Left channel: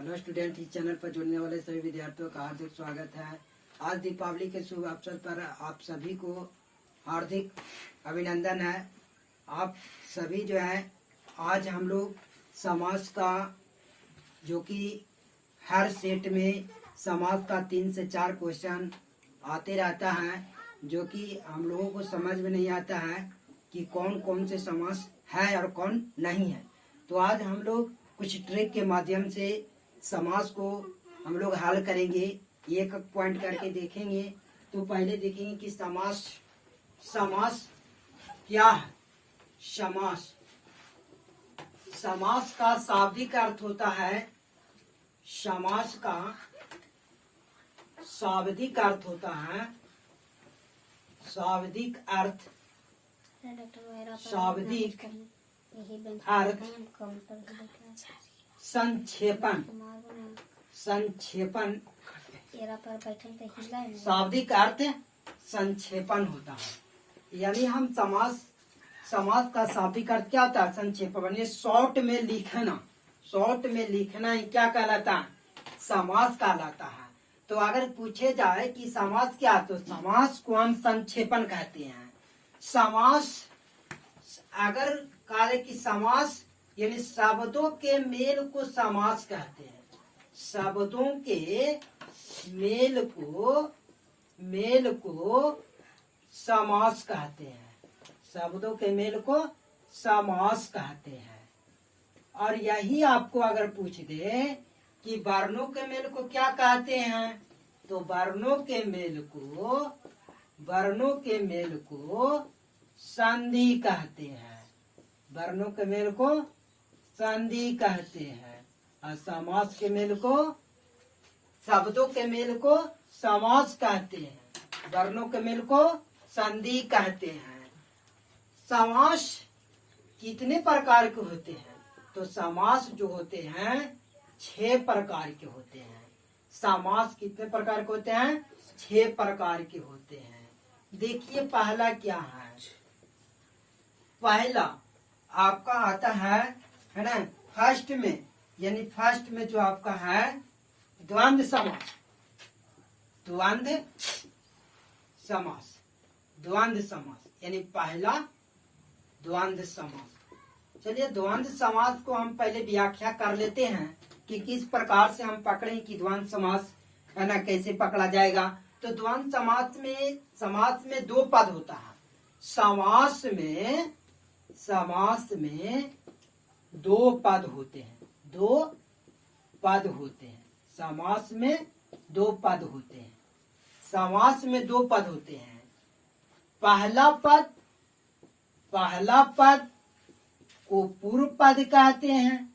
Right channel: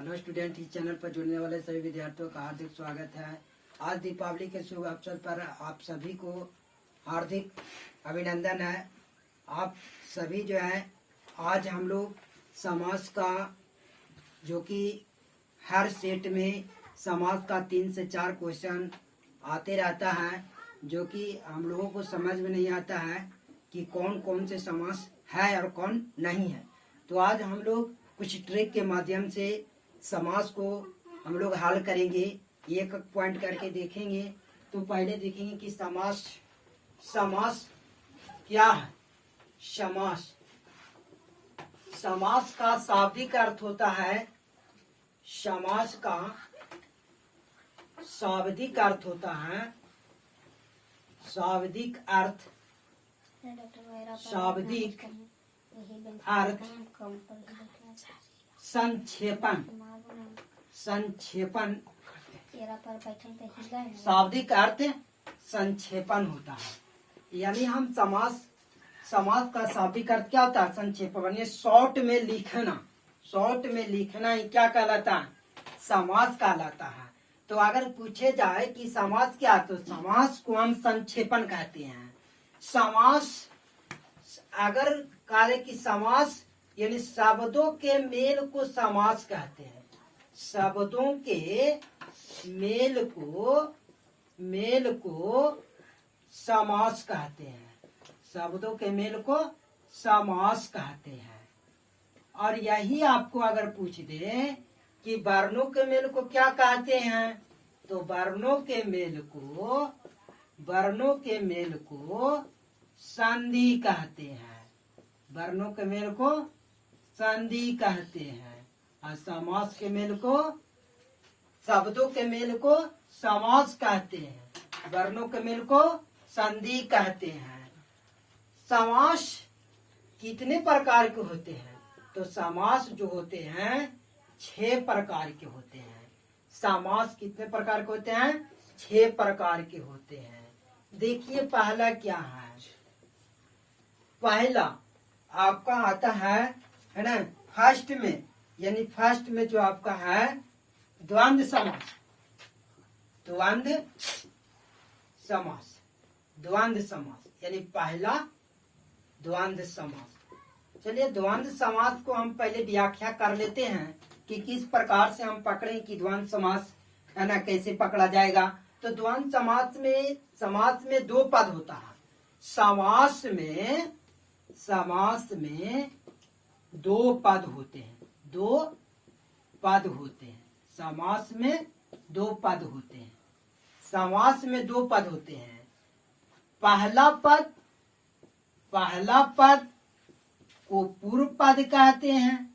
Hello student, इस channel पर जुड़ने वाले सभी विद्यार्थियों का हार्दिक स्वागत है। आज दीपावली के शुभ अवसर पर आप सभी को हार्दिक अभिनंदन है। आप सभी जो है आज हम लोग समाज का जो कि हर सेट में समाज का 3 से 4 क्वेश्चन आते रहता है, जो कि हम लोगों को समझ में नहीं आता है कि कौन कौन से समास है और कौन नहीं है। तो आज हम लोग कुछ ट्रिक के माध्यम से समास को हम लोग हल करेंगे, एक पॉइंट करके देखेंगे। तो पहले देखेंगे कि समास क्या है। समास का शाब्दिक अर्थ होता है, समास का शाब्दिक अर्थ होता है, शाब्दिक अर्थ संक्षेपण। शाब्दिक अर्थ संक्षेपण होता है। यानी हम समास का शाब्दिक अर्थ क्या होता है? संक्षेपण। ये शॉर्ट में लिखना ही क्या कहलाता है? समास कहलाता है। तो अगर पूछे जाए कि समास क्या है, तो समास को हम संक्षेपण कहते हैं। समास अगर कहे कि समास यानी शब्दों के मेल को समास कहते हैं। शब्दों के मेल को समास कहते हैं। शब्दों के मेल को समास कहते हैं। और यही आपको अगर पूछ दे कि वर्णों के मेल को क्या कहते हैं, तो वर्णों के मेल को संधि कहते हैं। वर्णों के मेल को संधि कहते हैं और समास के मेल को, शब्दों के मेल को समास कहते हैं, वर्णों के मेल को संधि कहते हैं। समास कितने प्रकार के होते हैं? तो समास जो होते हैं 6 प्रकार के होते हैं। समास कितने प्रकार के होते हैं? 6 प्रकार के होते हैं। देखिए पहला क्या है। पहला आपका आता है ना, फर्स्ट में, यानी फर्स्ट में जो आपका है द्वंद्व समास, यानी पहला द्वंद्व समास। चलिए द्वंद्व समास को हम पहले व्याख्या कर लेते हैं कि किस प्रकार से हम पकड़ें कि द्वंद्व समास है ना कैसे पकड़ा जाएगा। तो द्वंद्व समास में 2 पद होता है। समास में 2 पद होते हैं। 2 पद होते हैं। समास में 2 पद होते हैं। समास में 2 पद होते हैं। पहला पद को पूर्व पद कहते हैं।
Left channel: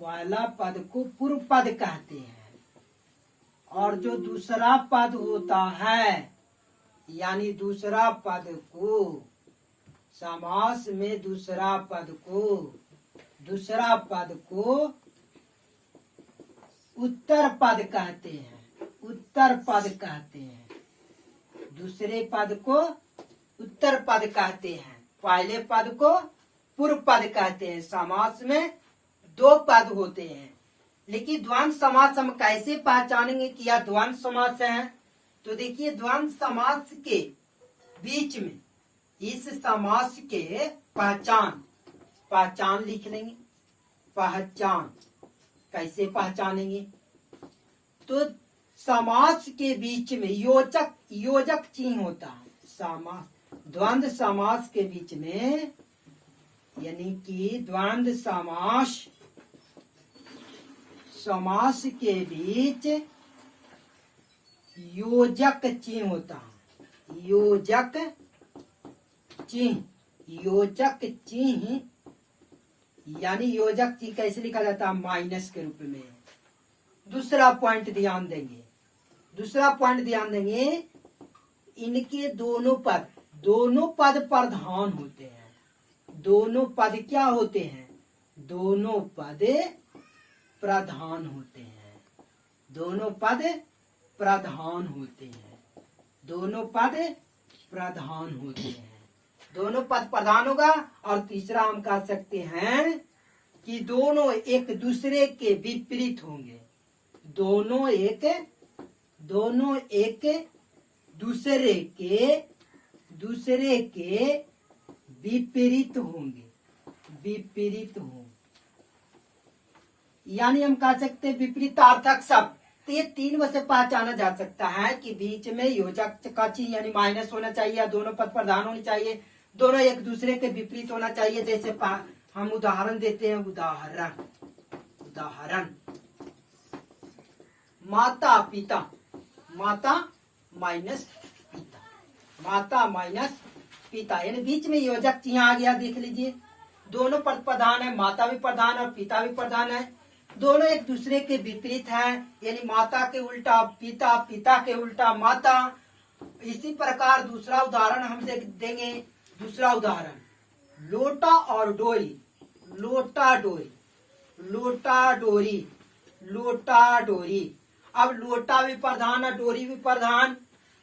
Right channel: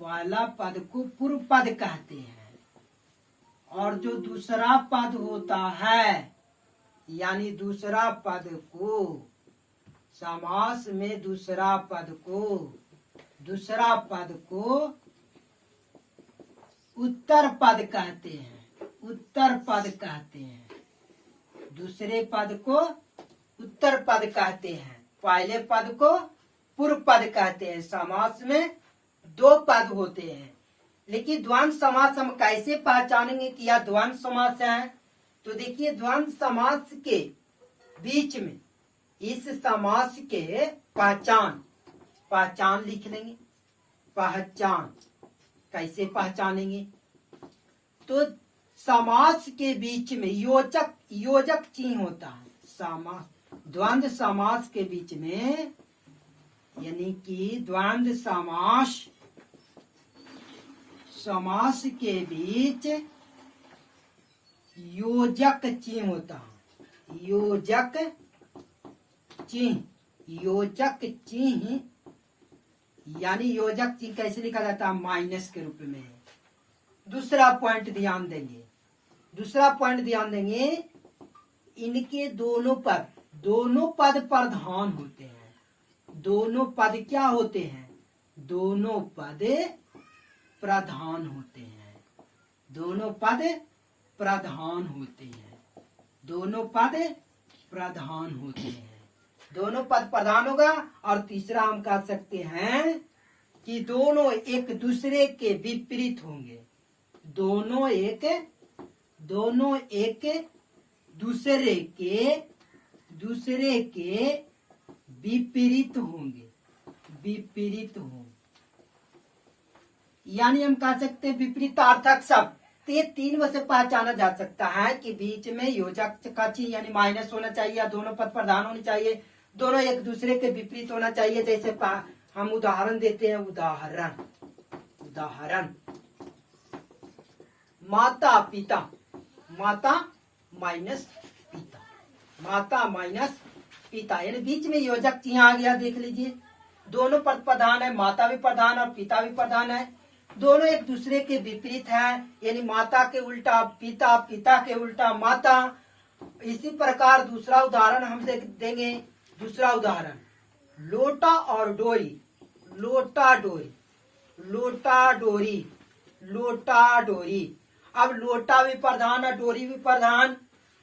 पहला पद को पूर्व पद कहते हैं। और जो दूसरा पद होता है, यानी दूसरा पद को समास में दूसरा पद को उत्तर पद कहते हैं। दूसरे पद को उत्तर पद कहते हैं। पहले पद को पूर्व पद कहते हैं। समास में 2 पद होते हैं। लेकिन द्वंद्व समास हम कैसे पहचानेंगे कि यह द्वंद्व समास है? तो देखिए द्वंद्व समास के बीच में इस समास के पहचान लिख लेंगे। पहचान कैसे पहचानेंगे? तो समास के बीच में योजक चिन्ह होता है। द्वंद्व समास के बीच में, यानी कि द्वंद्व समास के बीच योजक चिन्ह होता है। योजक चिन्ह यानी योजक चिन्ह कैसे लिखा जाता है? माइनस के रूप में। दूसरा पॉइंट ध्यान देंगे, इनके दोनों पद प्रधान होते हैं। दोनों पद क्या होते हैं? दोनों पद प्रधान होते हैं। दोनों पद प्रधान होते हैं। दोनों पद प्रधान होगा। और तीसरा हम कह सकते हैं कि दोनों एक दूसरे के विपरीत होंगे। दोनों एक दूसरे के विपरीत होंगे। यानी हम कह सकते हैं विपरीतार्थक शब्द। तो ये 3 में से पहचाना जा सकता है कि बीच में योजक का चिन्ह यानी माइनस होना चाहिए, या दोनों पद प्रधान होने चाहिए, दोनों एक दूसरे के विपरीत होना चाहिए। जैसे हम उदाहरण देते हैं। उदाहरण माता पिता, माता माइनस पिता यानी बीच में योजक चिन्ह आ गया। देख लीजिए, दोनों पद प्रधान है, माता भी प्रधान और पिता भी प्रधान है। दोनों एक दूसरे के विपरीत है, यानी माता के उल्टा पिता, पिता के उल्टा माता। इसी प्रकार दूसरा उदाहरण हम देंगे। दूसरा उदाहरण लोटा और डोरी, लोटा डोरी। अब लोटा भी प्रधान और डोरी भी प्रधान,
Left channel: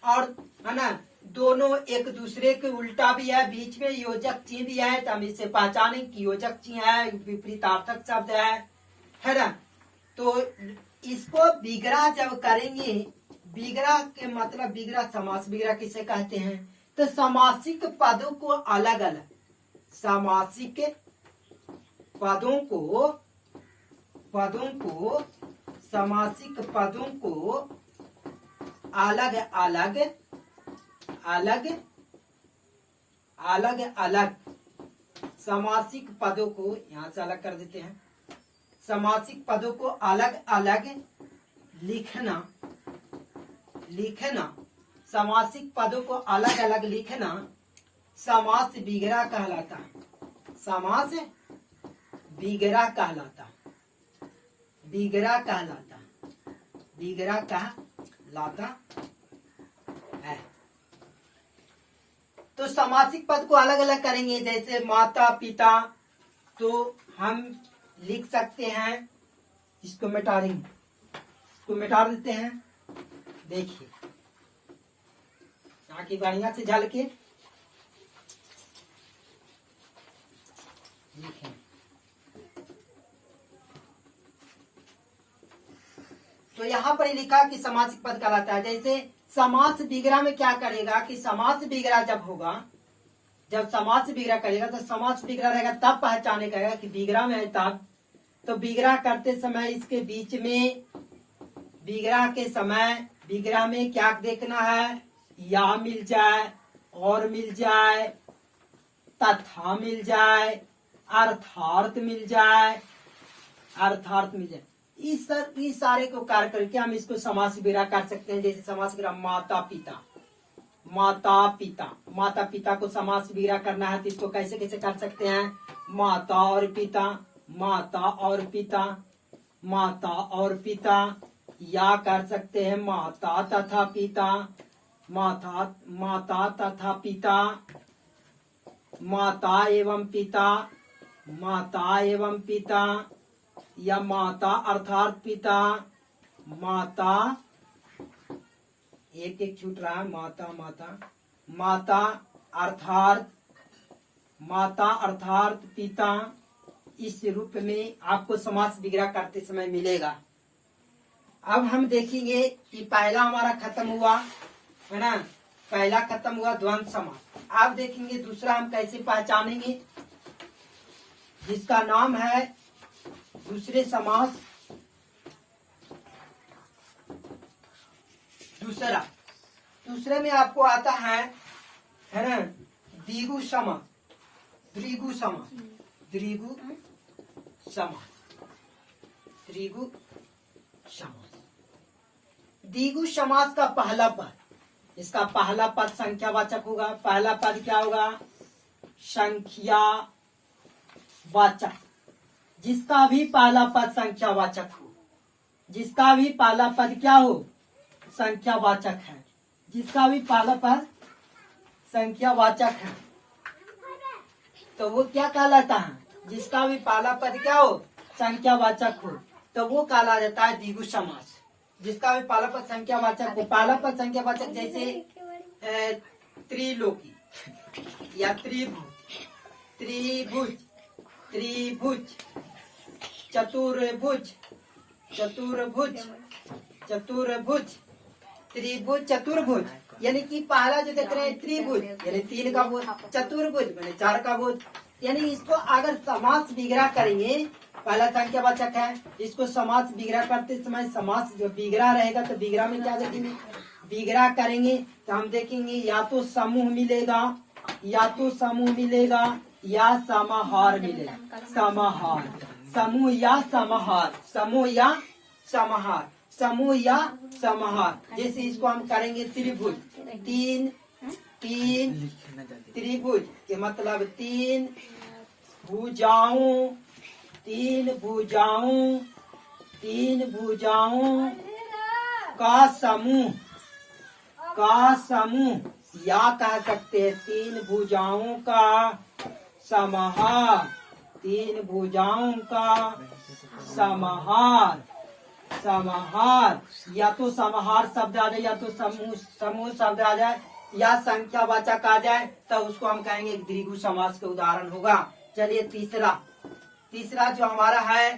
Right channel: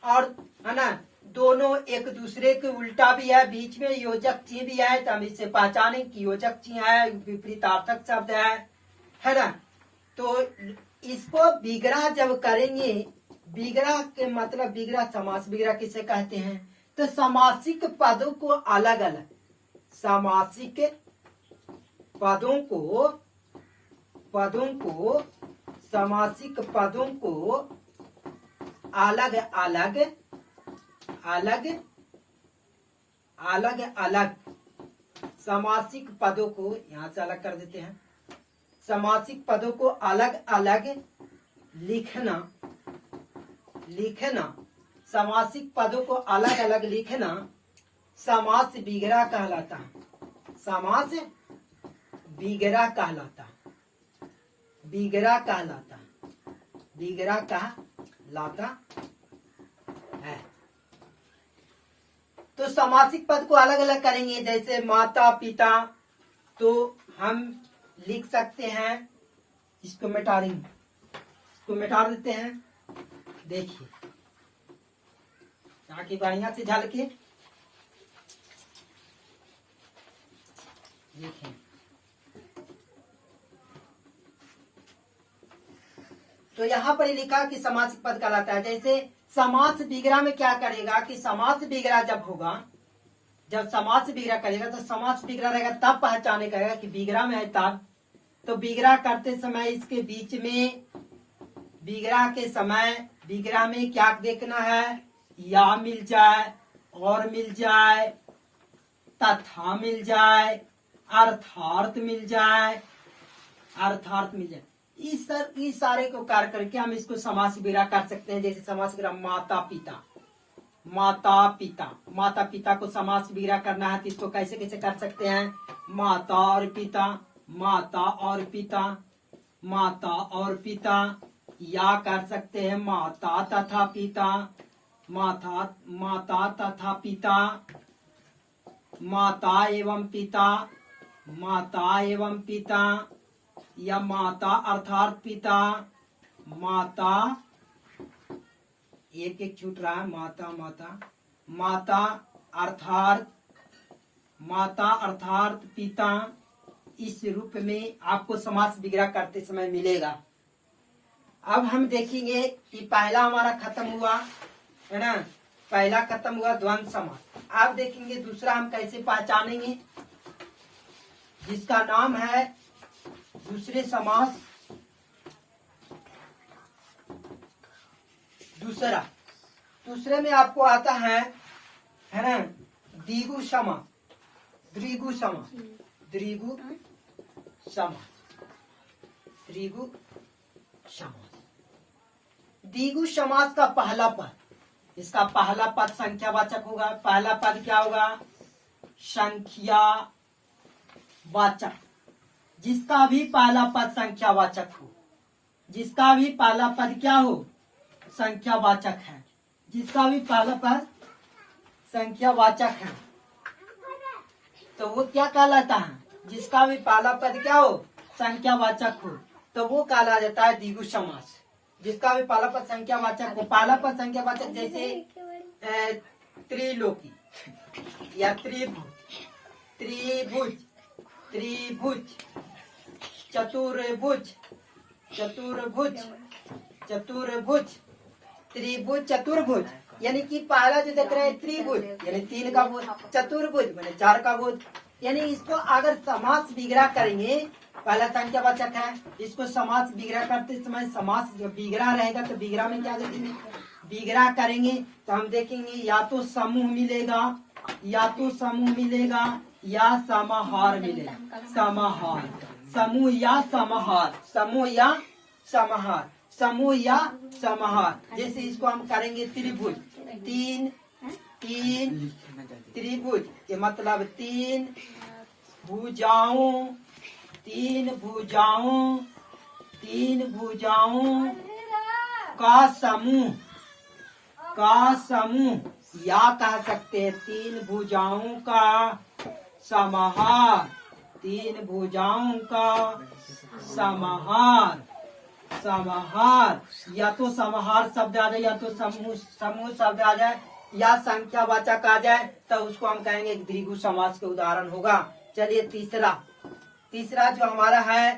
और है ना, दोनों एक दूसरे के उल्टा भी है, बीच में योजक चिन्ह भी है। तो हम इसे पहचाने कि योजक चिन्ह है, विपरीतार्थक शब्द है ना। तो इसको विग्रह जब करेंगे, विग्रह के मतलब विग्रह समास, विग्रह किसे कहते हैं? तो समासिक पदों को अलग अलग, समासिक पदों को समासिक पदों को अलग अलग समासिक पदों को यहां से अलग कर देते हैं। समासिक पदों को अलग अलग लिखना, समासिक पदों को अलग अलग लिखना समास विग्रह कहलाता है। समास विग्रह कहलाता है। तो समासिक पद को अलग अलग करेंगे। जैसे माता पिता, तो हम लिख सकते हैं, इसको मिटा देते हैं। देखिए यहाँ की बढ़िया से झलके देखिए, तो यहाँ पर लिखा कि समासिक पद कहलाता है। जैसे समास विग्रह में क्या करेगा कि समास विग्रह जब होगा, जब समास विग्रह करेगा तो समास विग्रह रहेगा, तब पहचाने करेगा कि विग्रह में है तब। तो विग्रह करते समय इसके बीच में, विग्रह के समय विग्रह में क्या देखना है? या मिल जाए, और मिल जाए, तथा मिल जाए, अर्थार्थ मिल जाए। इस सारे को कार्य करके हम इसको समास विग्रह कर सकते हैं। जैसे समास विग्रह माता पिता को समास विग्रह करना है तो इसको कैसे कैसे कर सकते हैं? माता और पिता, या कर सकते हैं माता तथा पिता, माता एवं पिता, या माता अर्थात पिता, माता एक छूट रहा है, माता अर्थात पिता। इस रूप में आपको समास विग्रह करते समय मिलेगा। अब हम देखेंगे कि पहला हमारा खत्म हुआ है ना, पहला खत्म हुआ द्वंद्व समास। अब देखेंगे दूसरा हम कैसे पहचानेंगे, जिसका नाम है दूसरे समास। दूसरे में आपको आता है ना द्विगु समास, द्विगु समास का पहला पद, इसका पहला पद संख्यावाचक होगा। पहला पद क्या होगा? संख्यावाचक। जिसका भी पहला पद संख्यावाचक हो, जिसका भी पहला पद क्या हो? संख्यावाचक है। जिसका भी पहला पद संख्यावाचक है तो वो क्या कहलाता है? जिसका भी पहला पद क्या हो? संख्यावाचक हो, तो वो कहा जाता है द्विगु समास। जिसका भी पहला पद संख्यावाचक हो, पहला पद संख्यावाचक जैसे त्रिलोकी या त्रिभुज, चतुर्भुज, चतुर्भुज, चतुर्भुज, त्रिभुज, चतुर्भुज, यानी कि पहला जो देख रहे हैं त्रिभुज यानी 3 का भुज, चतुर्भुज मैंने 4 का भुज। यानी इसको अगर समास विग्रह करेंगे, पहला संख्या वाचक है, इसको समास विग्रह करते समय समास जो विग्रह रहेगा तो विग्रह में क्या देखेंगे, विग्रह करेंगे तो हम देखेंगे या तो समूह मिलेगा, या तो समूह मिलेगा या समाहार मिलेगा। समाहार, समूह या समाहार, समूह या समाहार, समूह या समाहार। जैसे इसको हम करेंगे त्रिभुज, 3 3 त्रिभुज के मतलब 3 भुजाओं, 3 भुजाओं, 3 भुजाओं का समूह, का समूह, या कह सकते हैं 3 भुजाओं का समाहार, 3 भुजाओं का समाहार। समाहार या तो समाहार शब्द आ जाए या तो समूह, समूह शब्द आ जाए या संख्यावाचक आ जाए तो उसको हम कहेंगे द्विगु समास के उदाहरण होगा। चलिए तीसरा, तीसरा जो हमारा है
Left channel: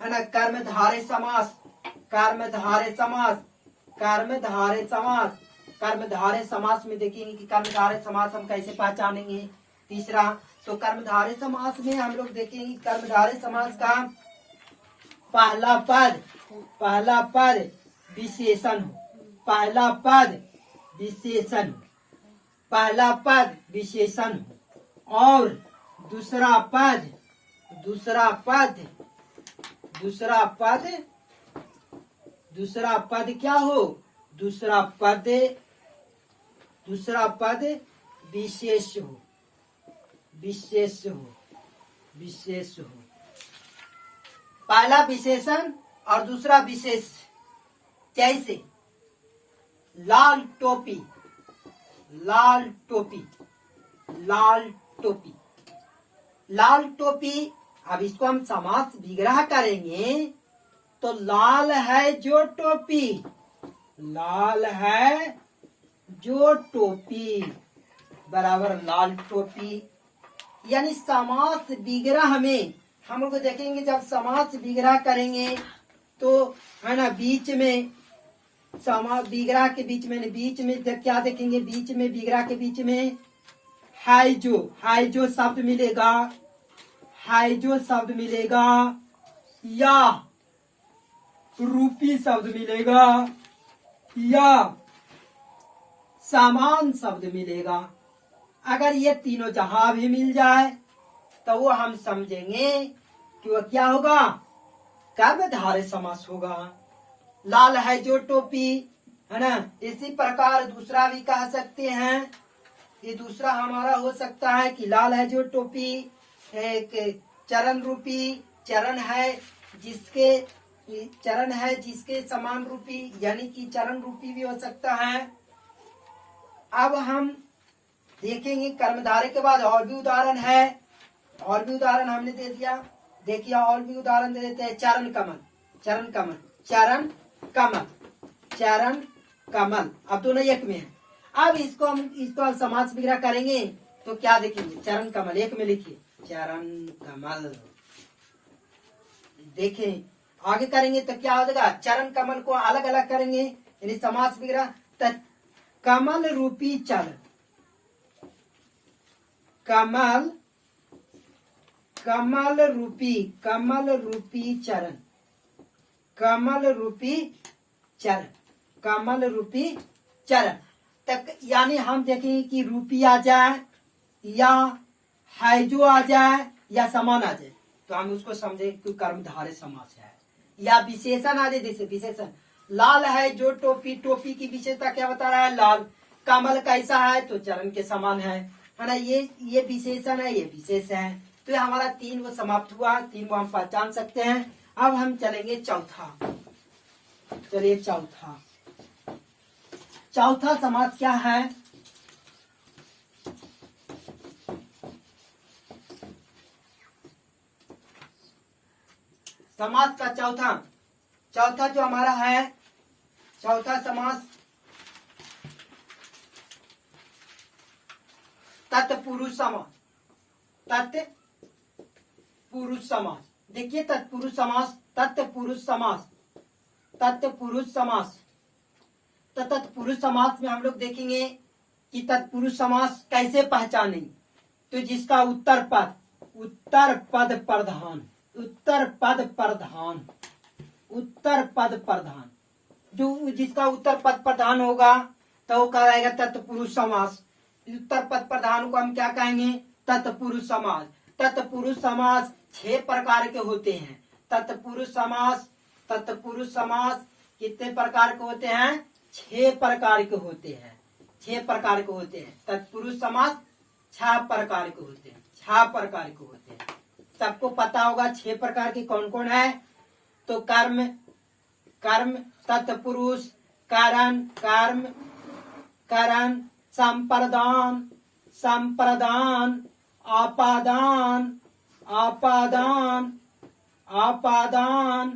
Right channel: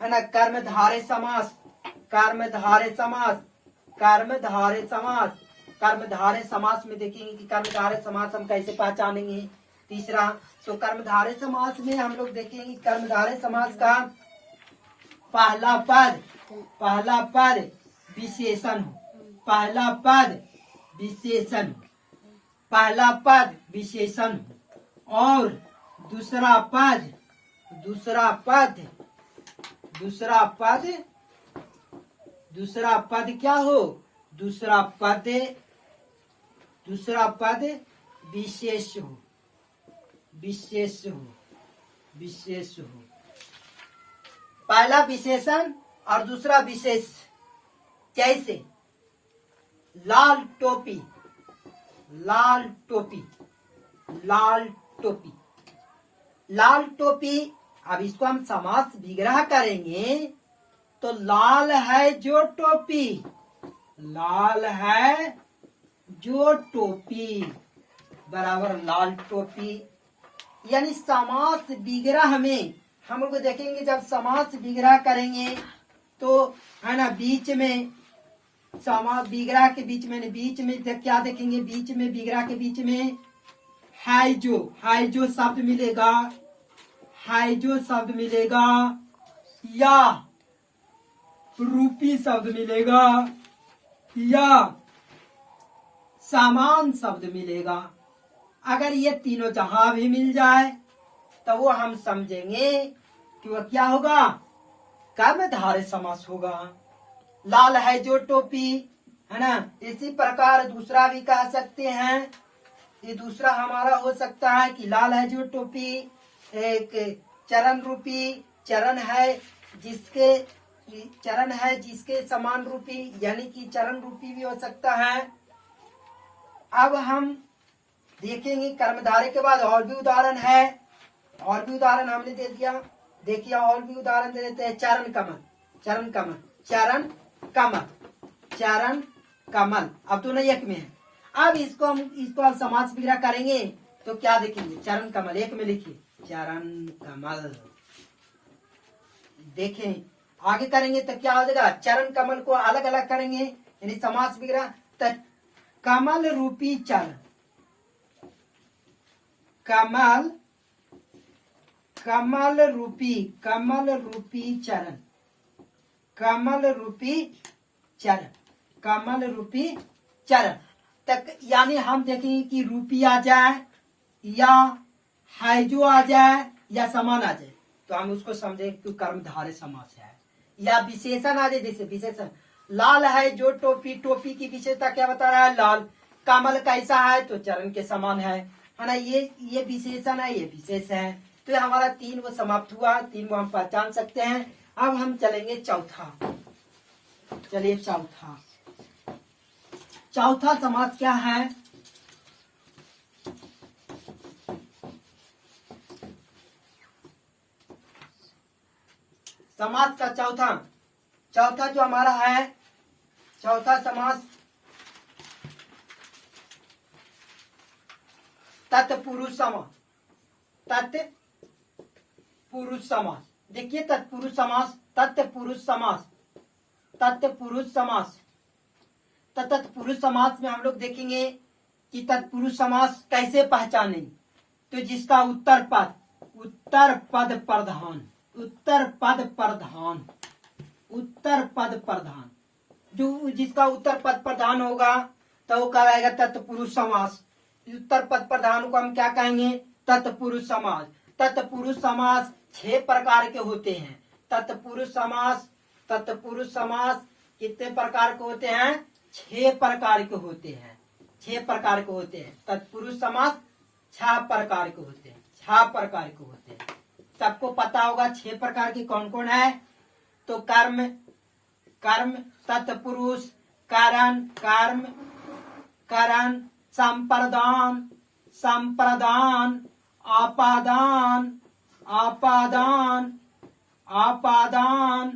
ना कर्मधारय समास, कर्मधारय समास, कर्मधारय समास। कर्मधारय समास में देखेंगे कि कर्मधारय समास हम कैसे पहचानेंगे। तीसरा तो कर्मधारय समास में हम लोग देखेंगे कर्मधारय समास का पहला पद, पहला पद विशेषण हो, पहला पद विशेषण, पहला पद विशेषण हो और दूसरा पद, दूसरा पद, दूसरा पद, दूसरा पद क्या हो, दूसरा पद, दूसरा पद विशेष हो, विशेष हो, विशेष हो। पहला विशेषण और दूसरा विशेष। कैसे, लाल टोपी, लाल टोपी, लाल टोपी, लाल टोपी। अब इसको हम समास विग्रह करेंगे तो लाल है जो टोपी, लाल है जो टोपी बराबर लाल टोपी। यानी समास विग्रह में हम लोग देखेंगे जब समास विग्रह करेंगे तो है ना बीच में समास विग्रह के बीच में, बीच में क्या देखेंगे, बीच में विग्रह के बीच में है जो शब्द मिलेगा, है जो शब्द मिलेगा या रूपी शब्द मिलेगा या समान शब्द मिलेगा। अगर ये तीनों जहां भी मिल जाए तो वो हम समझेंगे कि वो क्या होगा, कर्मधारय समास होगा। लाल है जो टोपी, है ना। इसी प्रकार दूसरा भी कह सकते हैं, ये दूसरा हमारा हो सकता है कि लाल है जो टोपी एक चरण रूपी, चरण है जिसके, चरण है जिसके समान रूपी, यानी कि चरण रूपी भी हो सकता है। अब हम देखेंगे कर्मधारय के बाद और भी उदाहरण है, और भी उदाहरण हमने दे दिया, देखिए और भी उदाहरण दे देते हैं। चरण कमल, चरण कमल, चरण कमल, चरण कमल, अब दोनों एक में है। अब इसको हम समास विग्रह करेंगे तो क्या देखेंगे, चरण कमल एक में लिखिए चरण कमल। देखें आगे करेंगे तो क्या हो जाएगा, चरण कमल को अलग अलग करेंगे यानी समास विग्रह। कमल रूपी चरण, कमल, कमल रूपी, कमल रूपी चरण, कमल रूपी चरण, कमल रूपी चरण तक। यानी हम देखेंगे कि रूपी आ जाए या है जो आ जाए या समान आ जाए तो हम उसको समझे कि कर्मधारय समास है। या विशेषण आ जाए, जैसे विशेषण लाल है जो टोपी, टोपी की विशेषता क्या बता रहा है, लाल। कमल कैसा है तो चरण के समान है ना। ये विशेषण है, ये विशेष है। तो ये हमारा 3 वो समाप्त हुआ, 3 को हम पहचान सकते हैं। अब हम चलेंगे चौथा, चलिए चौथा, चौथा समास क्या है, समास का चौथा, चौथा जो हमारा है चौथा समास तत्पुरुष समास, तत्पुरुष समास, देखिए तत्पुरुष समास, तत्पुरुष समास, तत्पुरुष समास। तो तत्पुरुष समास में हम लोग देखेंगे कि तत्पुरुष समास कैसे पहचाने। तो जिसका उत्तर पद प्रधान, उत्तर पद प्रधान, उत्तर पद प्रधान, जो जिसका उत्तर पद प्रधान होगा तो वो कहलाएगा तत्पुरुष समास। उत्तर पद प्रधान को हम क्या कहेंगे? तत्पुरुष समास। तत्पुरुष समास 6 प्रकार के होते हैं। तत्पुरुष समास, तत्पुरुष समास कितने प्रकार के होते हैं? 6 प्रकार के होते हैं। 6 प्रकार के होते हैं। तत्पुरुष समास 6 प्रकार के होते हैं। 6 प्रकार के होते हैं। सबको पता होगा 6 प्रकार के कौन कौन है। तो कर्म, कर्म, तत्पुरुष, कारण, कर्म, करण, संप्रदान, संप्रदान, आपादान, आपादान, आपादान,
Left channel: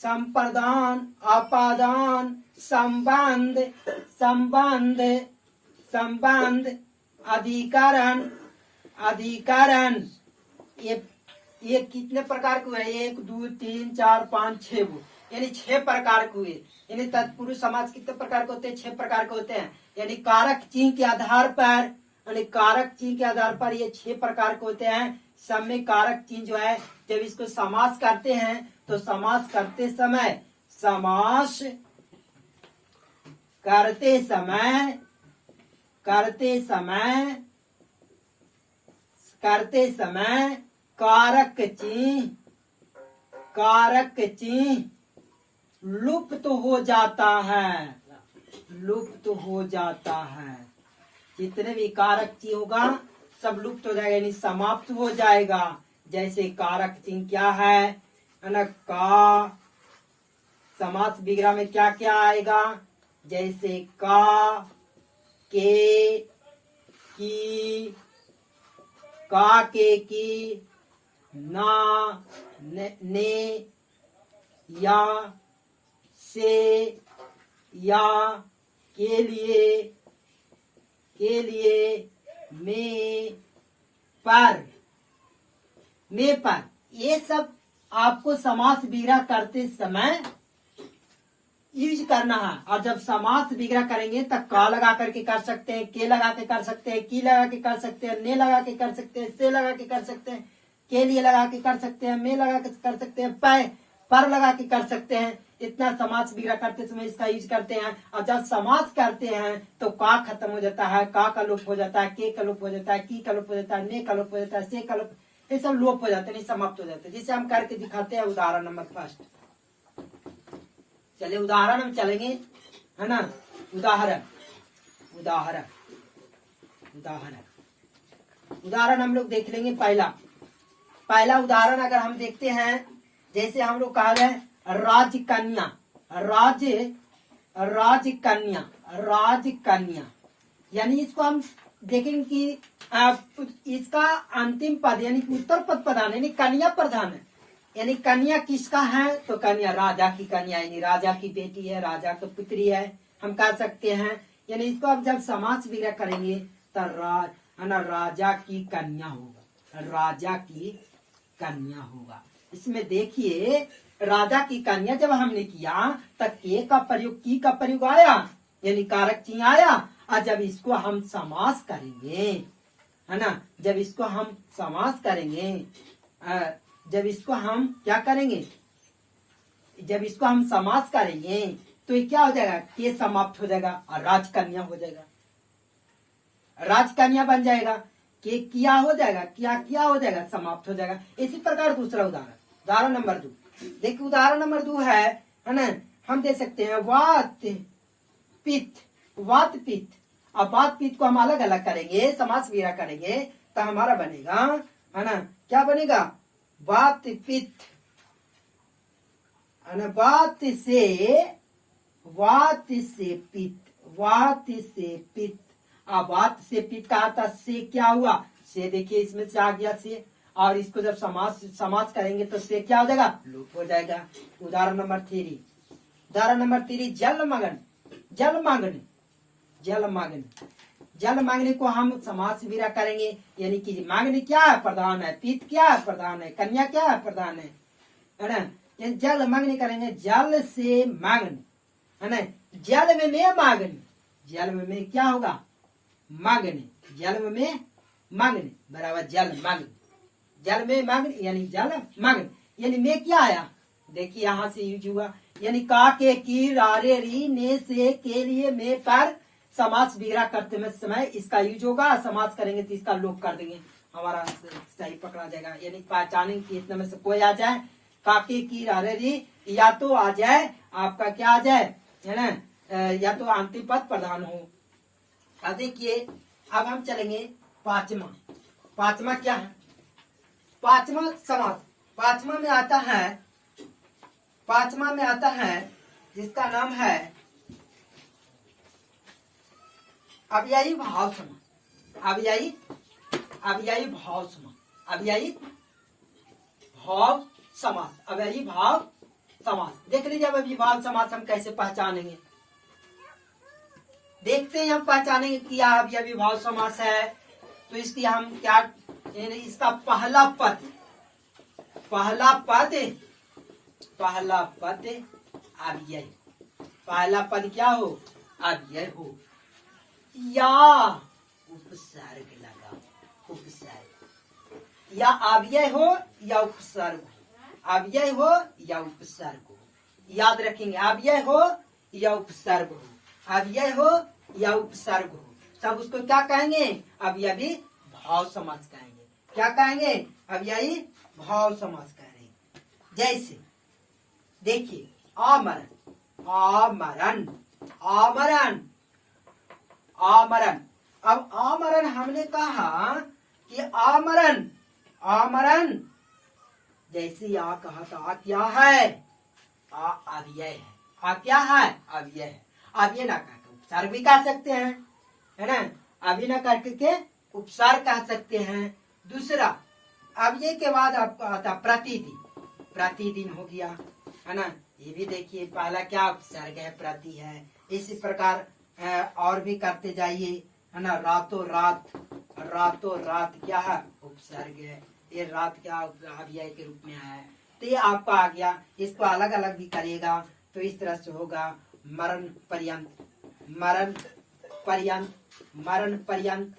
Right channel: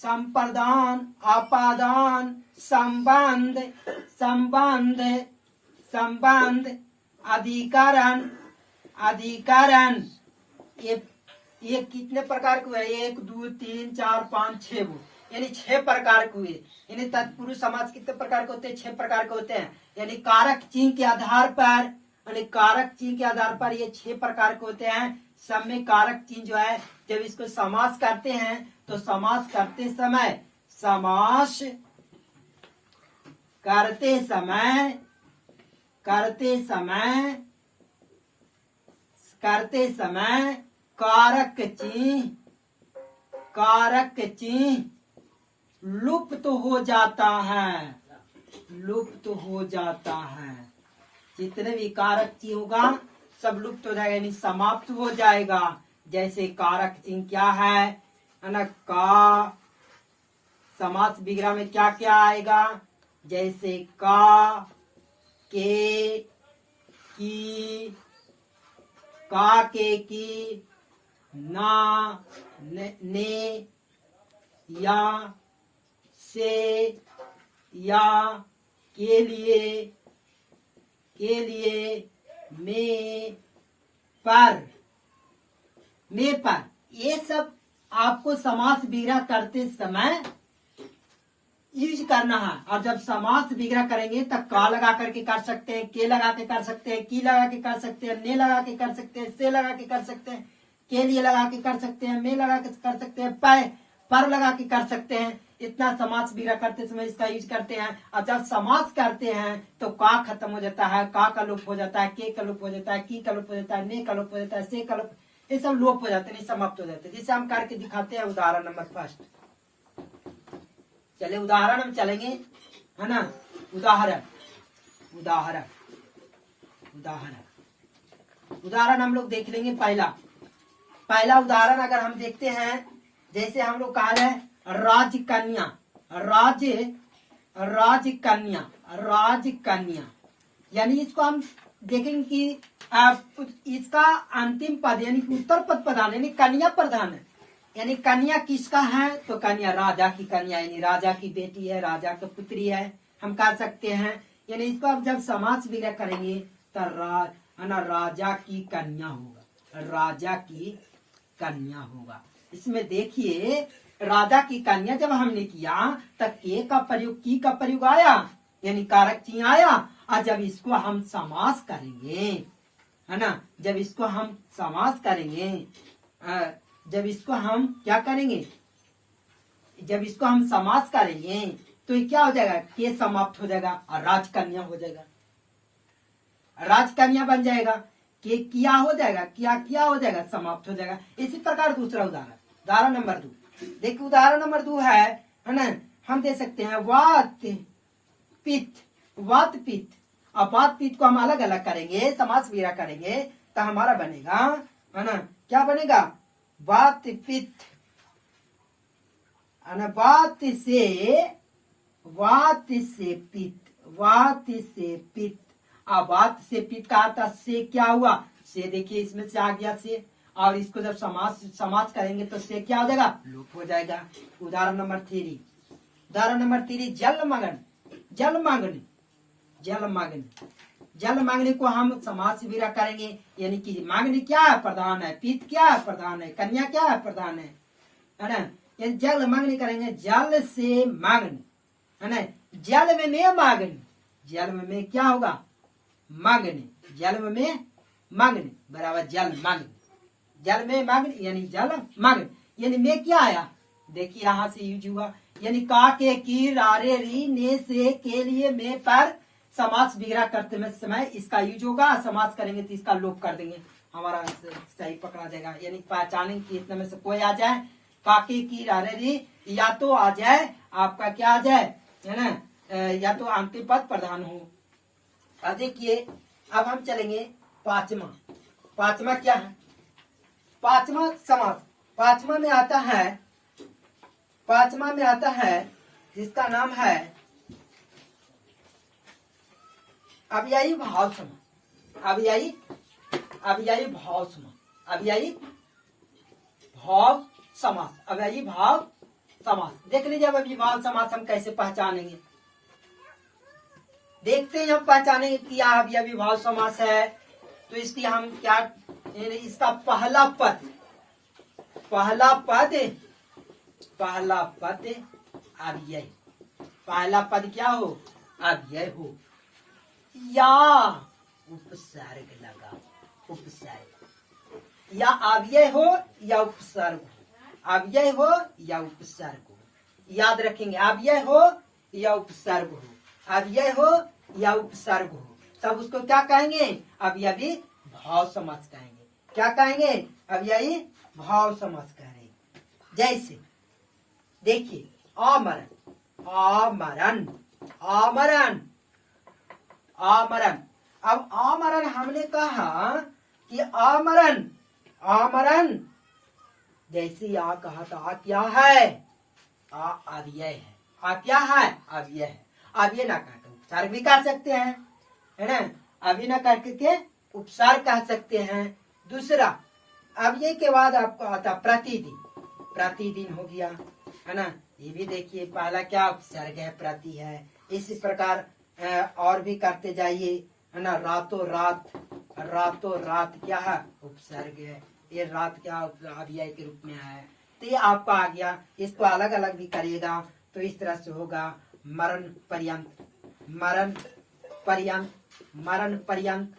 संप्रदान, आपादान, संबंध, संबंध, संबंध, अधिकरण, अधिकरण। ये कितने प्रकार के हुए? 1 2 3 4 5 6 वो यानी 6 प्रकार के हुए। यानी तत्पुरुष समास कितने प्रकार के होते हैं? 6 प्रकार के होते हैं। यानी कारक चिन्ह के आधार पर, यानी कारक चिन्ह के आधार पर ये 6 प्रकार के होते हैं। सब में कारक चिन्ह जो है, जब इसको समास करते हैं तो समास करते समय, समास करते समय, करते समय, करते समय कारक चिन्ह, कारक चिन्ह लुप्त हो जाता है, लुप्त हो जाता है। जितने भी कारक चिन्ह होगा सब लुप्त हो जाएगा, यानी समाप्त हो जाएगा। जैसे कारक चिन्ह क्या है ना? का, समास विग्रह में क्या क्या आएगा? जैसे का, के, की, का के की, ना, ने, या, से, या, के लिए, में, पर, में पर। ये सब आपको समास विग्रह करते समय यूज करना है। और जब समास विग्रह करेंगे तब का लगा करके कर सकते हैं, के लगा के कर सकते हैं, की लगा के कर सकते हैं, ने लगा के कर सकते हैं, से लगा के कर सकते हैं, के लिए लगा के कर सकते हैं, में लगा के कर सकते हैं, पर लगा के कर सकते हैं। इतना समास विग्रह करते समय इसका यूज करते हैं। और जब समास करते हैं तो का खत्म हो जाता है, का लोप हो जाता है, के का लोप हो जाता है, की का लोप हो जाता है, ने का लोप हो जाता है, से का लोप, ये सब लोप हो जाते हैं, समाप्त हो जाते हैं। जिसे हम करके दिखाते हैं उदाहरण नंबर 1। चलिए उदाहरण में चलेंगे, है ना? उदाहरण, उदाहरण, उदाहरण, उदाहरण हम लोग देख लेंगे। पहला उदाहरण अगर हम देखते हैं, जैसे हम लोग कहा जाए राजकन्या, राजकन्या, राजकन्या। यानी इसको हम देखेंगे कि इसका अंतिम पद यानी उत्तर पद प्रधान, यानी कन्या प्रधान है। यानी कन्या किसका है? तो कन्या राजा की कन्या, यानी राजा की बेटी है, राजा की पुत्री है, हम कह सकते हैं। यानी इसको अब जब समास विग्रह करेंगे तो राजा की कन्या होगा, राजा की कन्या होगा। इसमें देखिए राजा की कन्या जब हमने किया तब के का प्रयोग, की का प्रयोग आया, यानी कारक चिन्ह आया। और जब इसको हम समास करेंगे, है ना, जब इसको हम समास करेंगे, जब इसको हम क्या करेंगे, जब इसको हम समास करेंगे तो ये क्या हो जाएगा? के समाप्त हो जाएगा और राजकन्या हो जाएगा, राजकन्या बन जाएगा। के किया हो जाएगा, किया हो जाएगा, समाप्त हो जाएगा। इसी प्रकार दूसरा उदाहरण, उदाहरण नंबर 2 देखिए। उदाहरण नंबर 2 है ना, हम दे सकते हैं वात पित्त, वात पित्त। अब वात पित्त को हम अलग अलग करेंगे, समास विग्रह करेंगे तो हमारा बनेगा, है ना, क्या बनेगा? वात पित्त, है ना, वात से पित्त, वात से पित्त। अब वात से पित्त का अर्थ से क्या हुआ? से देखिए इसमें से आ गया से, और इसको जब समास करेंगे तो से क्या हो जाएगा? लोप हो जाएगा। उदाहरण नंबर 3, उदाहरण नंबर 3 जलमग्न, जलमग्न, जलमग्न, जल मांगने को हम समास विग्रह करेंगे, यानी कि मांगने क्या है? प्रधान है। पित क्या है? प्रधान है। कन्या क्या है? प्रधान है ना। यानी जल मांगने करेंगे, जल से मांगने, है ना। जल में मांगने, जल में क्या होगा? मांगने, जल में मांगने बराबर जल मांगने, जल में मांगने यानी जल मांगने, यानी में क्या आया? देखिए यहाँ से यूज हुआ, यानी का के की रारे री ने से के लिए में पर समास विग्रह करते समय इसका यूज होगा। समास करेंगे तो इसका लोप कर देंगे, हमारा सही पकड़ा जाएगा। यानी पहचानेंगे कि इतने में से कोई आ जाए, काके की रारे री, या तो आ जाए आपका क्या आ जाए, है ना, या तो अंतिम पद प्रधान हो। अब देखिए, अब हम चलेंगे पांचवा। पांचवा क्या है? पांचवा समास, पांचवा में आता है, पांचवा में आता है जिसका नाम है अव्ययी भाव समास। अव्ययी, अव्ययी भाव समास, अव्ययी भाव समास, अव्ययी भाव समास। देख लीजिए अब अव्ययी भाव समास हम कैसे पहचानेंगे, देखते हैं हम पहचानेंगे कि अव्ययी भाव समास है। तो इसकी हम क्या, इसका पहला पद, पहला पद, पहला पद अव्यय, पहला पद क्या हो? अव्यय हो, या उपसर्ग लगाओ, उपसर्ग, या अव्यय हो या उपसर्ग हो, अव्यय हो या उपसर्ग हो, याद रखेंगे, अव्यय हो या उपसर्ग हो, अव्यय हो या उपसर्ग हो, तब उसको क्या कहेंगे? अव्ययी भाव समास कहेंगे। क्या कहेंगे? अव्ययी भाव समास कहेंगे। जैसे देखिए, आमरण, आमरण, आमरण, आमरण। अब आमरण हमने कहा कि आमरण, आमरण, जैसे आ कहा था, आ क्या है? आ अव्यय है। आ क्या है? अव्यय है। अव्यय ना कहकर उपसर्ग भी कह सकते हैं, है ना, अव्यय ना करके उपसर्ग कह सकते हैं। दूसरा, अव्यय के बाद आपका आता प्रतिदिन, प्रतिदिन हो गया, है ना। ये भी देखिए, पहला क्या उपसर्ग है? प्रति है। इसी प्रकार और भी करते जाइए, है ना। रातों रात, रातों रात क्या है? उपसर्ग है। ये रात क्या अव्यय के रूप में है। तो ये आपका आ गया। इसको अलग अलग भी करिएगा तो इस तरह से होगा, मरण पर्यंत, मरण पर्यंत, मरण पर्यंत,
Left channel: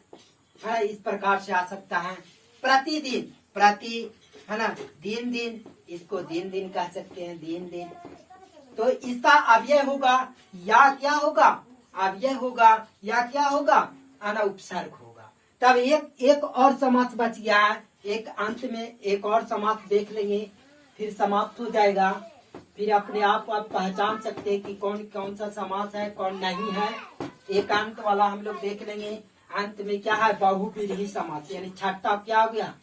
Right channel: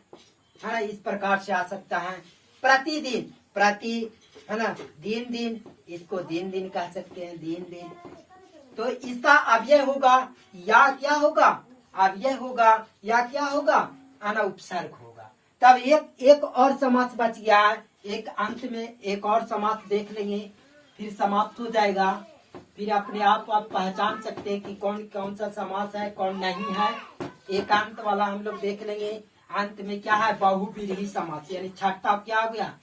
है, इस प्रकार से आ सकता है। प्रतिदिन, प्रति, है ना, दिन दिन, इसको दिन दिन कह सकते हैं, दिन दिन। तो इसका अव्यय होगा या क्या होगा? अव्यय होगा या क्या होगा? आना उपसर्ग होगा। तब एक और समास बच गया है। एक अंत में एक और समास देख लेंगे, फिर समाप्त हो जाएगा। फिर अपने आप पहचान सकते हैं कि कौन कौन सा समास है, कौन नहीं है। एक अंत वाला हम लोग देख लेंगे। अंत में क्या है? बहुव्रीहि समास, यानी छठा क्या हो गया?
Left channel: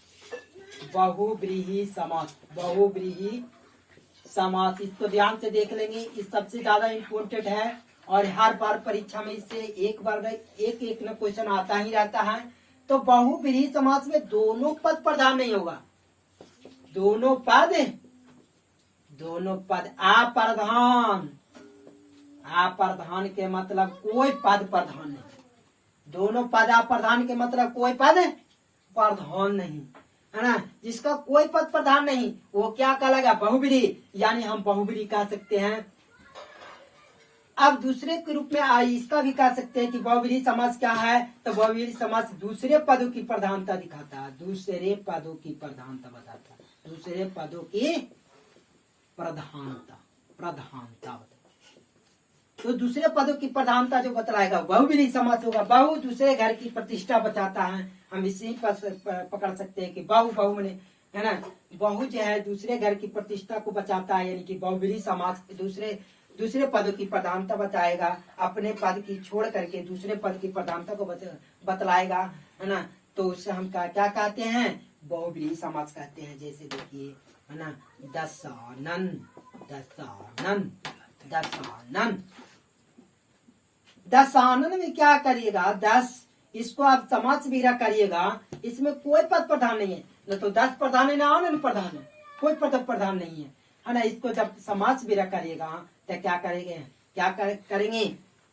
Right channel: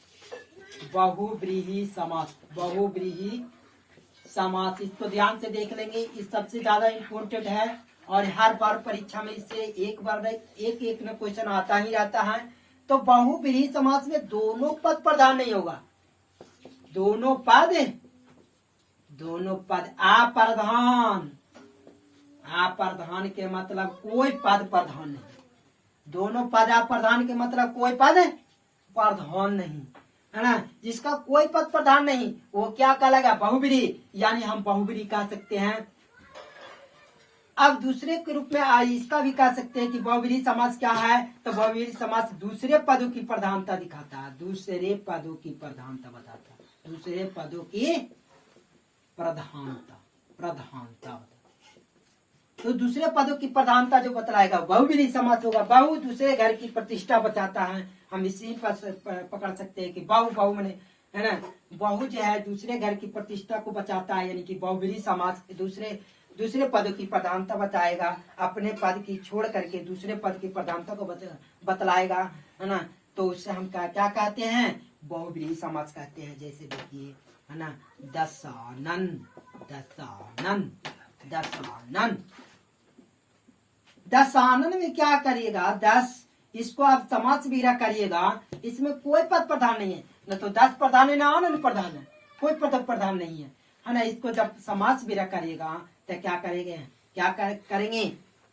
बहुव्रीहि समास, बहुव्रीहि समास। इसको ध्यान से देख लेंगे, इस सबसे ज्यादा इम्पोर्टेंट है और हर बार परीक्षा में इससे एक बार एक एक न क्वेश्चन आता ही रहता है। तो बहुव्रीहि समास में दोनों पद प्रधान नहीं होगा, दोनों पद, दोनों पद अप्रधान, अप्रधान के मतलब कोई पद प्रधान नहीं, दोनों पद अप्रधान के मतलब कोई पद प्रधान नहीं, है ना। जिसका कोई पद प्रधान नहीं वो क्या कहलाएगा? बहुव्रीहि, यानी हम बहुव्रीहि कह सकते हैं। अब दूसरे के रूप में इसका भी कह सकते हैं कि बहुव्रीहि समास क्या है? तो बहुव्रीहि समास दूसरे पदों की प्रधानता दिखाता है, दूसरे पदों की प्रधानता बताता है, दूसरे पदों की प्रधानता, प्रधानता बताता है। तो दूसरे पदों की प्रधानता जो बतलाएगा बहुव्रीहि समास होगा। बहु दूसरे घर की प्रतिष्ठा बचाता है, हम इसी पर पकड़ सकते हैं कि बहु, बहु मने, है ना, बहु जो है दूसरे घर की प्रतिष्ठा को बचाता है, यानी कि बहुव्रीहि समास दूसरे पदों की प्रधानता बताएगा, अपने पद की छोड़ करके दूसरे पद की प्रधानता को बतलाएगा, है ना। तो उससे हम क्या कहते हैं? बहुव्रीहि समास कहते हैं। जैसे देखिए, है ना, दशानन, दशानन, दशानन, दशानन में क्या करिएगा? 10, इसको आप समास विग्रह करिएगा, इसमें कोई पद प्रधान नहीं है, न तो 10 प्रधान है, न आनंद प्रधान है, कोई पद प्रधान नहीं है ना। इसको जब समास विग्रह करिएगा तो क्या करेंगे? क्या करेंगे?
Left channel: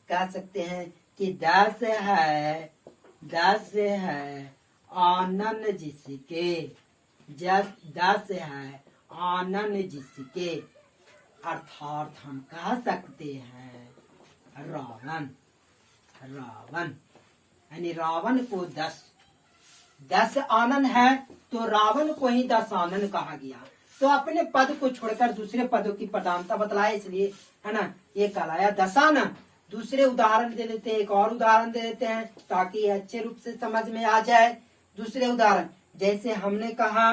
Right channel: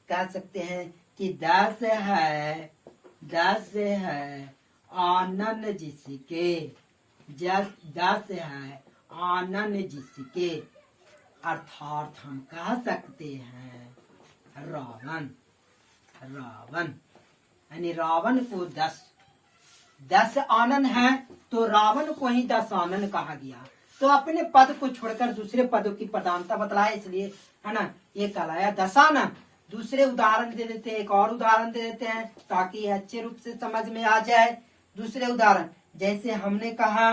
कह सकते हैं कि 10 है दस है आनन जिसके, दस है आनन जिसके, अर्थात हम कह सकते हैं रावण। रावण यानी रावण को 10 आनन है, तो रावण को ही 10 आनन कहा गया। तो अपने पद को छोड़कर दूसरे पदों की प्रधानता बतलाया, इसलिए है ना ये कहलाया दशानन। दूसरे उदाहरण दे देते हैं, एक और उदाहरण दे देते हैं ताकि अच्छे रूप से समझ में आ जाए। दूसरे उदाहरण जैसे हमने कहा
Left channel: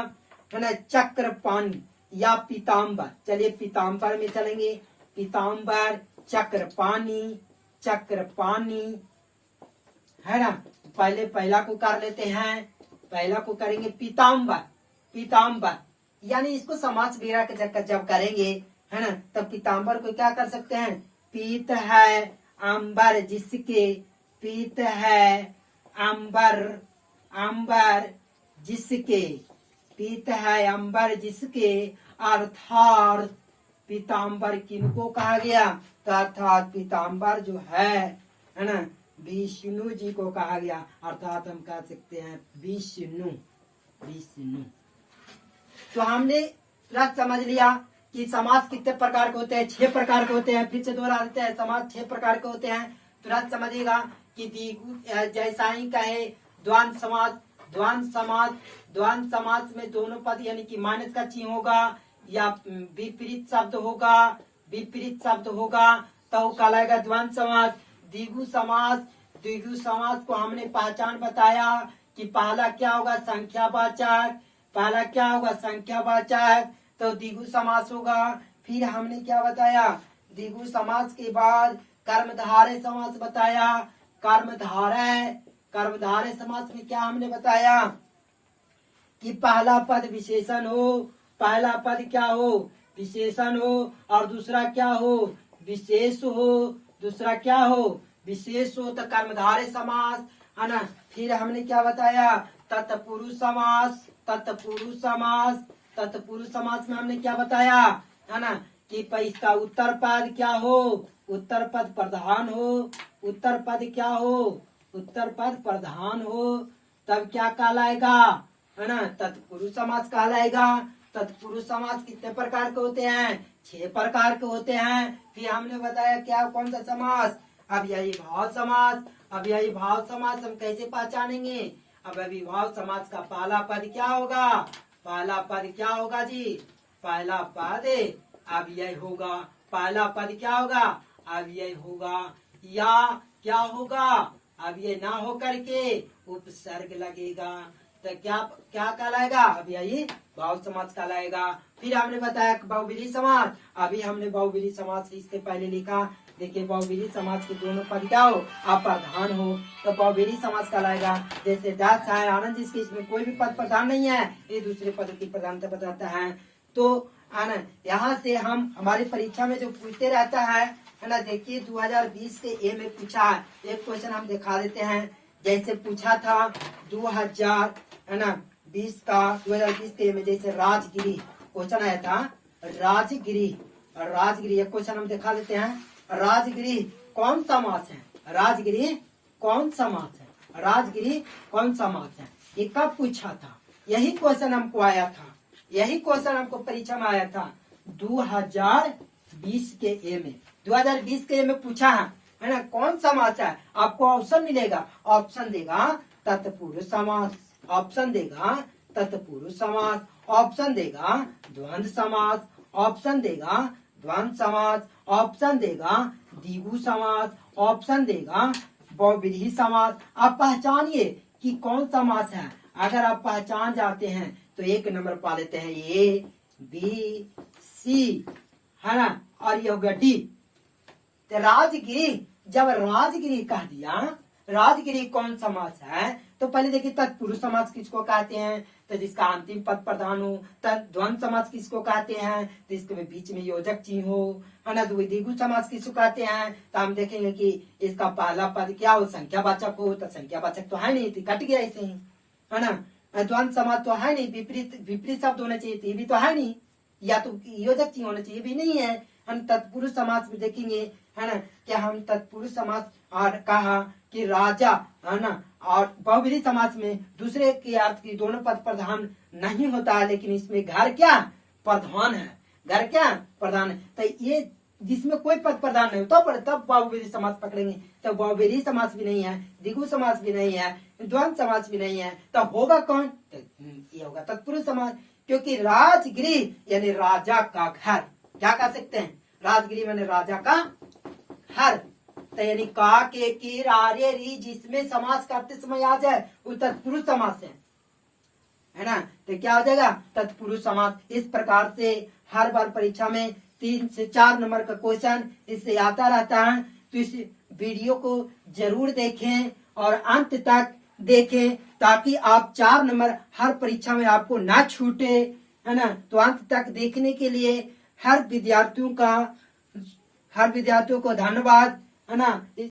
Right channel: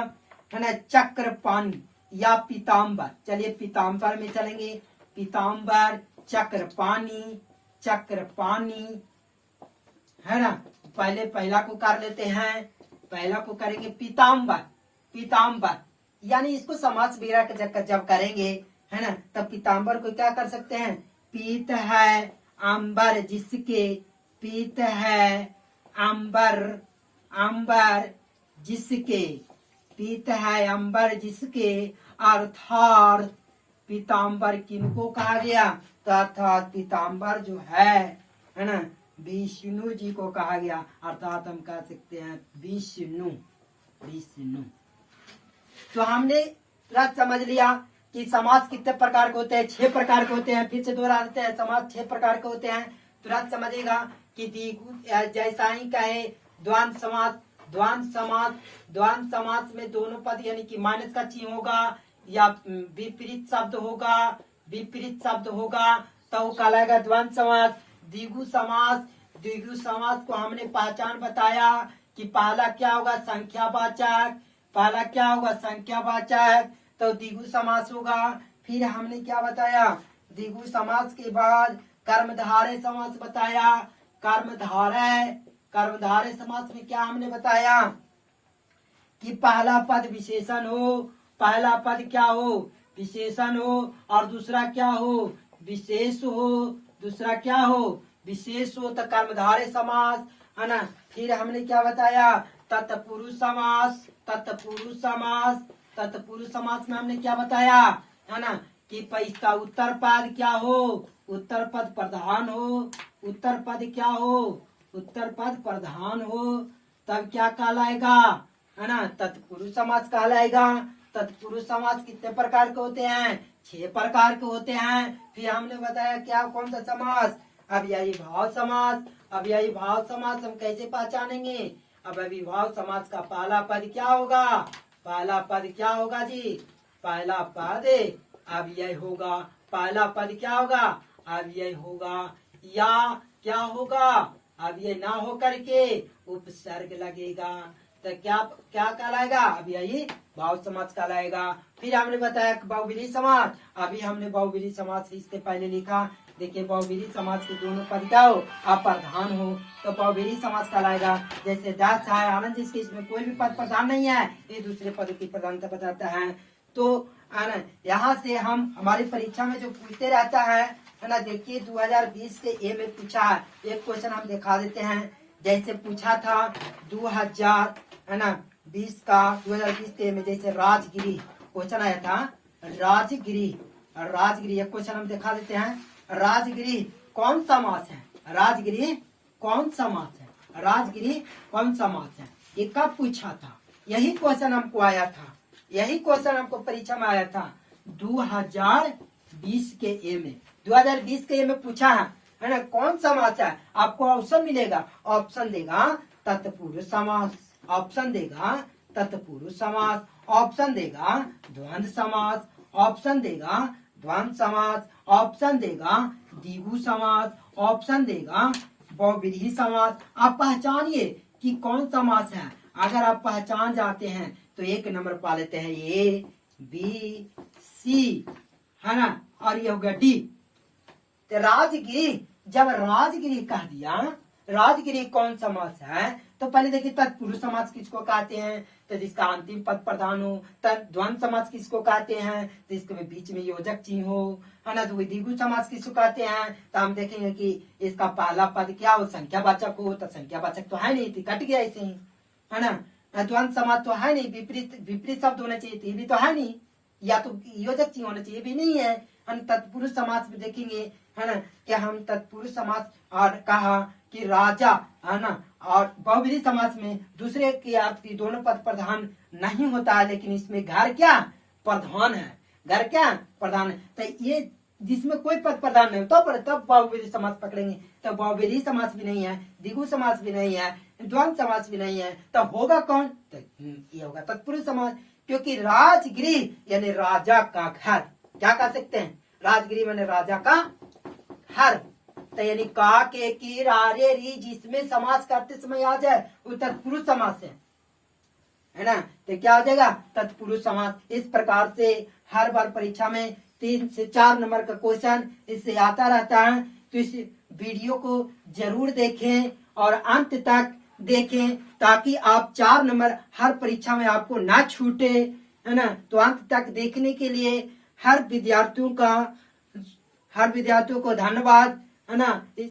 है ना चक्रपाणी या पीताम्बर। चलिए पीताम्बर में चलेंगे। पीताम्बर, चक्रपाणी, चक्रपाणी है ना। पहले पहला को कर लेते हैं, पहला को करेंगे पीताम्बर। पीताम्बर यानी इसको समास वगैरह जब करेंगे है ना, तब पीताम्बर को क्या कर सकते हैं, पीत है अंबर जिसके, पीत है अंबर, अंबर जिसके, पीत है अंबर जिसके, अर्थात पीताम्बर किनको कहा गया, अर्थात पीताम्बर जो है ना विष्णु जी को कहा गया। अर्थात हम कह सकते हैं विष्णु, विष्णु। तो हमने समझ लिया कि समास कितने प्रकार के होते हैं, 6 प्रकार के होते हैं। फिर से दोहरा देते हैं, समास 6 प्रकार के होते हैं। तुरंत समझेगा कि जैसा ही कहे द्वंद्व समास, द्वंद्व समास, द्वंद्व समास में दोनों पद यानी कि माइनस का चिन्ह होगा या विपरीत शब्द होगा, विपरीत शब्द होगा तो कहलाएगा द्वंद्व समास। द्विगु समास, द्विगु समास को हमने पहचान बताया कि पहला क्या होगा संख्यावाचक, पहला क्या होगा संख्यावाचक, तो द्विगु समास होगा। फिर हमने क्या बताया, द्विगु समास के बाद कर्मधारय समास बताया। कर्मधारय, कर्मधारय समास में क्या हमने बताया कि पहला पद विशेषण हो, पहला पद क्या हो विशेषण हो, और दूसरा क्या हो विशेष हो, दूसरा क्या हो विशेष हो, तो कर्मधारय समास है ना। फिर हमने क्या बताया तत्पुरुष समास, तत्पुरुष समास, तत्पुरुष समास में हमने क्या बताया है ना कि इसका उत्तर पद क्या हो, उत्तर पद प्रधान हो, उत्तर पद क्या हो उत्तर पद प्रधान हो, तब क्या कहलाएगा है ना तत्पुरुष समास कहलाएगा। तत्पुरुष समास कितने प्रकार के होते हैं, 6 प्रकार के होते हैं। फिर हमने बताया क्या कौन सा समास, अब यही भाव समास। अब यही भाव समास हम कैसे पहचानेंगे, अब अविभाव समास का पहला पद क्या होगा, पहला पद क्या होगा जी, पहला पद अब यही होगा, पहला पद क्या होगा अब यही होगा, या क्या होगा अब ये ना हो करके उपसर्ग लगेगा, तो क्या क्या कहलाएगा अब यही भाव समास कहलाएगा। फिर हमने बताया बहुव्रीहि समास, अभी हमने बहुव्रीहि समास इससे पहले लिखा। देखिए बहुव्रीहि समास के दोनों पद क्या हो अप्रधान हो, तो बहुव्रीहि समास कहलाएगा। जैसे 10 है आनंद जिसके, इसमें कोई भी पद प्रधान नहीं है, ये दूसरे पद की प्रधानता बताता है। तो यहाँ से हम हमारी परीक्षा में जो पूछते रहता है ना, देखिए 2020 के ए में पूछा है, एक क्वेश्चन हम दिखा देते हैं। जैसे पूछा था 2000 है ना 20 का 2020 के में, जैसे राजगिरी क्वेश्चन आया था, राजगिरी, राजगिरी एक क्वेश्चन हम दिखा देते हैं। राजगिरी कौन समास है, राजगिरी कौन समास है, राजगिरी कौन समास है, ये कब पूछा था, यही क्वेश्चन हमको आया था, यही क्वेश्चन हमको परीक्षा में आया था 2020 के ए में, 2020 के ए में पूछा है ना कौन समास है। आपको ऑप्शन मिलेगा, ऑप्शन देगा तत्पुरुष समास, ऑप्शन देगा तत्पुरुष समास, ऑप्शन देगा द्वंद्व समास, ऑप्शन देगा द्वंद्व समास, ऑप्शन देगा द्विगु समास, ऑप्शन देगा बहुव्रीहि समास। आप पहचानिए कि कौन समास है। अगर आप पहचान जाते हैं तो 1 नंबर पा लेते हैं, ए बी सी है ना, और ये होगा डी। तो राजगिरी, जब राजगिरी कह दिया, राजगिरी कौन समास है, तो पहले देखिए तत्पुरुष समास किसको कहते हैं, तो जिसका अंतिम पद प्रधान हो। द्वंद्व समास किसको कहते हैं, तो इसके बीच में योजक चिन्ह हो, है ना। द्विगु समास किसको कहते हैं, तो हम देखेंगे कि इसका पहला पद क्या हो संख्यावाचक हो, तो संख्यावाचक तो है नहीं, तो कट गया ऐसे ही, है ना। द्वंद्व समास तो है नहीं, विपरीत विपरीत शब्द होना चाहिए, तो ये भी तो है नहीं, या तो योजक चिन्ह होना चाहिए, भी नहीं है। हम तत्पुरुष समास में देखेंगे है ना, क्या हम तत्पुरुष समास और कहा कि राजा है ना, और बहुव्रीहि समास में दूसरे के अर्थ की दोनों पद प्रधान नहीं होता है, लेकिन इसमें घर क्या प्रधान है, घर क्या प्रधान है। तो ये जिसमें कोई पद प्रधान नहीं होता पर तब बहुव्रीहि समास पकड़ेंगे। तो बहुव्रीहि समास भी नहीं है, द्विगु समास भी नहीं है, द्वंद्व समास भी नहीं है, तो होगा कौन? तो ये होगा तत्पुरुष समास। क्योंकि राजगृह यानी राजा का घर, क्या कह सकते हैं? राजगृह माने राजा का घर। तो यानी का के की रा रे री जिसमें समास करते समय आ जाए वो तत्पुरुष समास है ना। तो क्या हो जाएगा? तत्पुरुष समास। इस प्रकार से हर बार परीक्षा में 3 से 4 नंबर का क्वेश्चन इससे आता रहता है। तो इस वीडियो को जरूर देखें और अंत तक देखें ताकि आप 4 नंबर हर परीक्षा में आपको ना छूटे, है ना। तो अंत तक देखने के लिए हर विद्यार्थियों को धन्यवाद, है ना।